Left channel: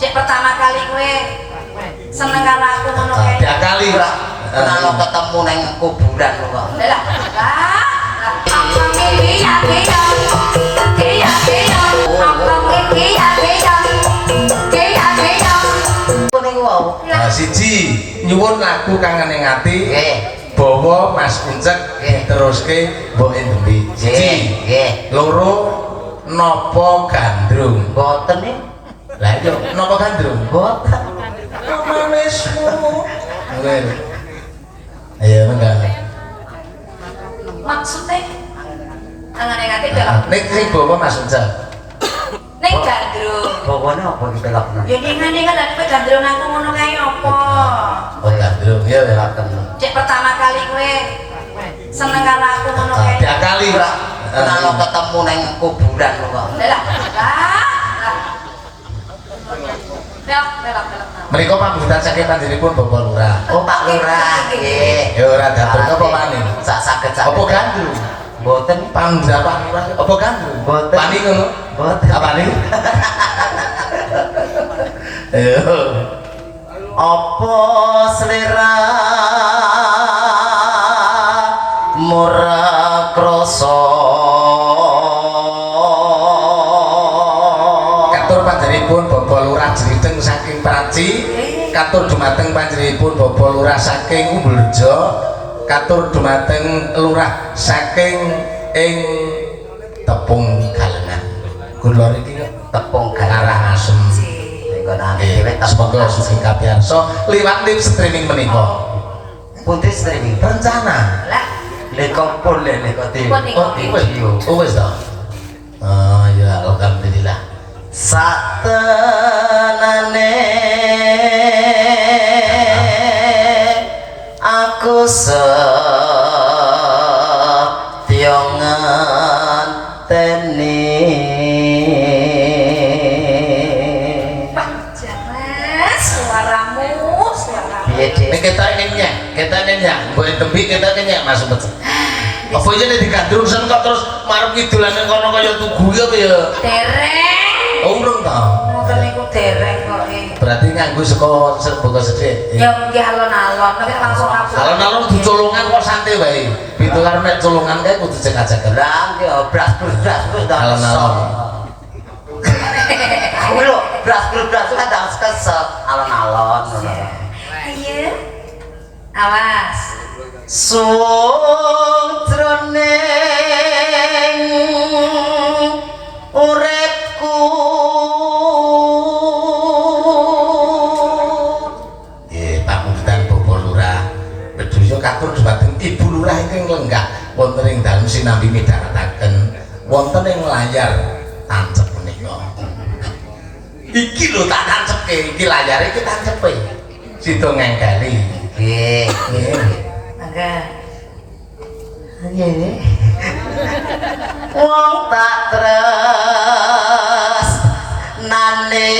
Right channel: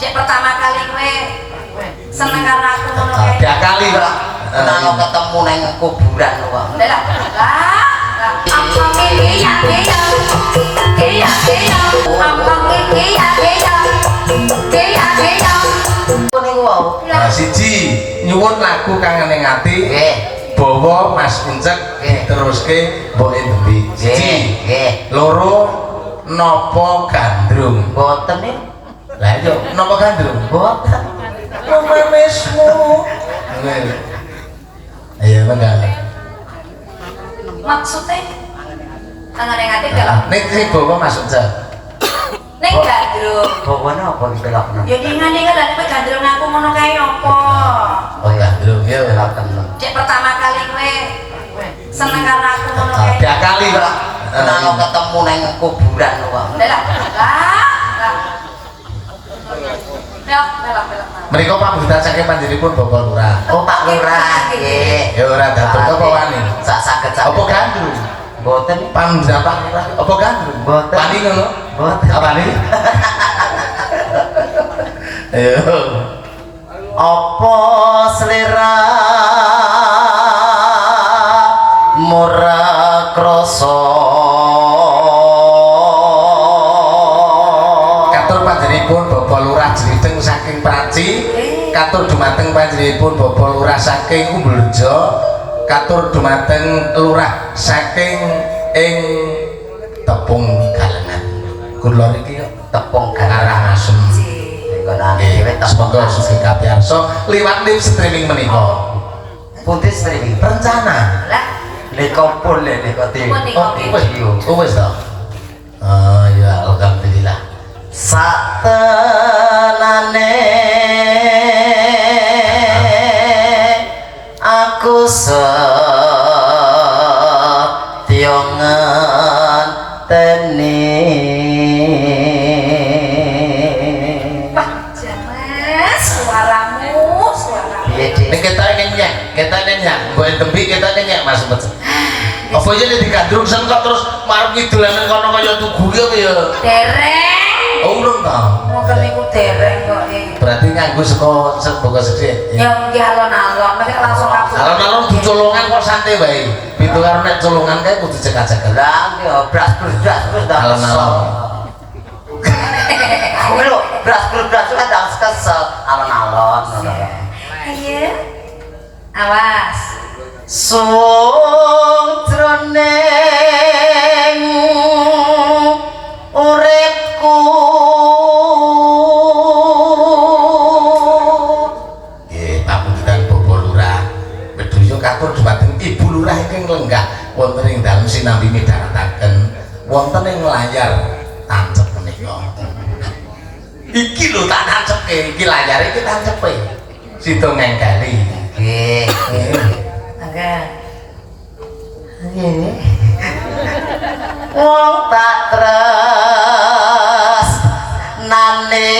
Cek pertama kali gue seneng karo aku ngono kae. Tiap kali ora kalau ketemu nang kuburan kok. Lah. Iya. Nah, siji nyuwun lagu kangen ning ati. Nggih. Bawa Mas Uncek diteruske Mbok Endi. Siji. Nggih. Loro napa gandrung. Mboten nih. Lah iya napa gandrung? Mboten. Romanesmu. Nggih. Ayo bener. Maksudnya kangen ning ati dalam Nek sing bawa Mas Uncek. ning gandrung. Bawane apa ditelokno? Ya dingan dan kowe gandrung aku ngono kae apa? Oh gandrung ya ora Cek pertama kali gue seneng karo aku ngono kae. tiap kali ora kalau ketemu nang kuburan kok. Lah. Menika pambutan saking panjenenganipun Bapak Lurah. Oh Pak Lurah. Nggih. Ya ora datur apa wani. Sak saged sak. Apa gandrung? Mboten. Pambutan Pak Lurah. Apa gandrung? Mboten. Wani ngono? Mboten. Apa nih? Ayo. Apa selera murah krasa Katur panjenenganipun Bapak Lurah Jliteng saking Praci. Katur dumateng panjenenganipun Bapak Lurah saking Umbulrejo. Katur dumateng Lurah saking ing Tepung Galengan. Kula niki tepung Karangasem. Semoga suci kapiarsa liwat live streaming menika. Pundi streaming Rencana. Lah, nika pun nika Wis to. Oh ya alhamdulillah. Satenane aku setya ngenteni Nek kita nyenyak, mbok tembi kita nyenyak Mas Umpet. Apa aja nek digandrung sen kok terus marep ngidulan nang kono kaya tugu ya apa ya? dereng. Oh urung to. Mungkin niku dereng kok. Berarti nganggo saka sithik. Ya nggih alon-alon, nek langsung aku. Alon-alon dicolongan kok santai wae. Pitu karo nek colongan kae kudu cek-cek. lah ya bras-bras wis Alon-alon. Kuwi lho bras-bras kan dance kesel alon-alon ngono. Ayo. Awas. Suwung jroning uripku Nggih, pamungkutan Bapak Lurah. Bedhaya katur dumateng Ibu Lurah ingkang lenggah wonten ing dalem sinambi midharetaken wonten ing layar tancep menika. Iki lho tak tancepke, iki layare iki tancepe. Sida ngengkeli. nggih Oke. ngene wong tak tres nane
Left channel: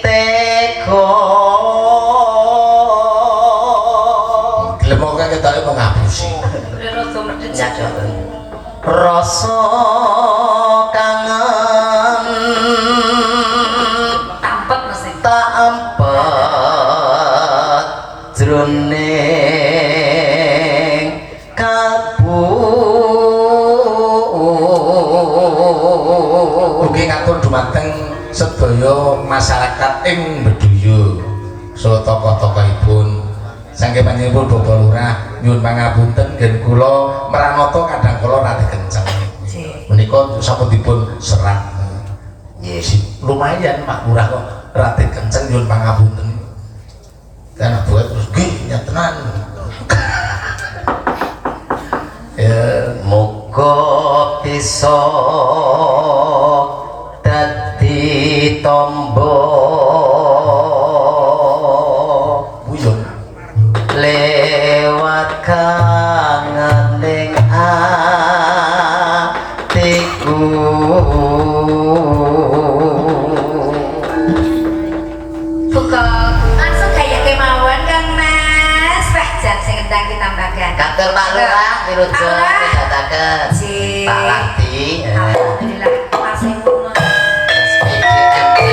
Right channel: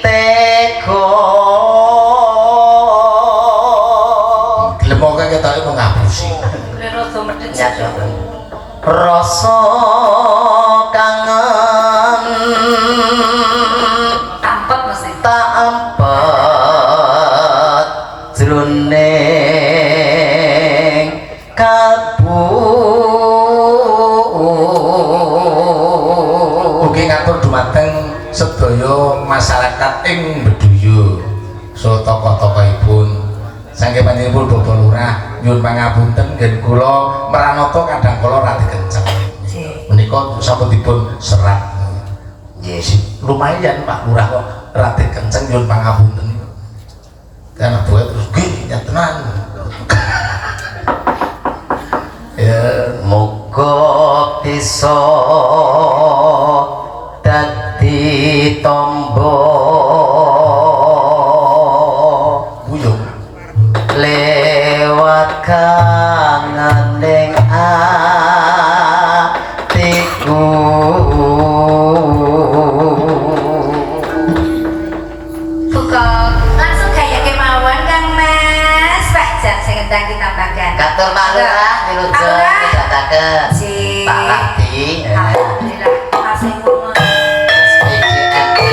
teko Glemoke ketoke kok ngapusi. Rada medhit ya ya. rasa kangen Tampet mesti. tak empat jroning kalbu Ugi ngatur dumateng sedaya masyarakat ing Beduya saha tokoh-tokohipun saking panjenenganipun Bapak Lurah nyuwun pangapunten nggih kula meranata kadang kala rada kenceng. Menika sampun dipun serat. Nggih, lumayan Pak Lurah kok rada kenceng nyuwun pangapunten. Karena buat terus nggih nyatenan. Ya muga bisa dadi tombo guyung lewat kangen ning atiku Buka langsung kayak kemauan Kang Mas. Pak Jan sing entang ditambahkan. Katur Pak Lurah wilujeng kedataken Si Pak Lati Alhamdulillah. Masih ngono. PGN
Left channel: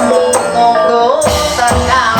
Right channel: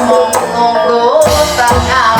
Nunggu tengah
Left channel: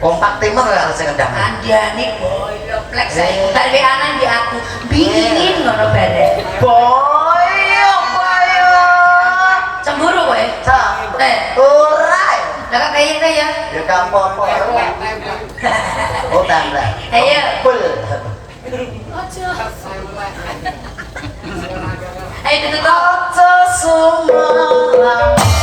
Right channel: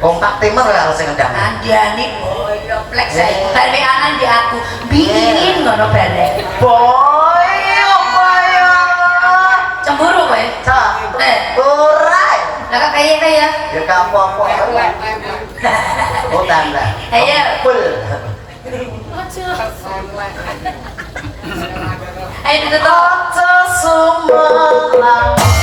kompak timur harus ngendang. Andani koyo plek saya gawe anan di aku. Bingin ngono bare. Boyo. Cemburu kowe? Ora. Lah kok kaya. Ya apa-apa. Oh tanda. Ayo. Pul. Ayo ditutup. Ojo sumalang.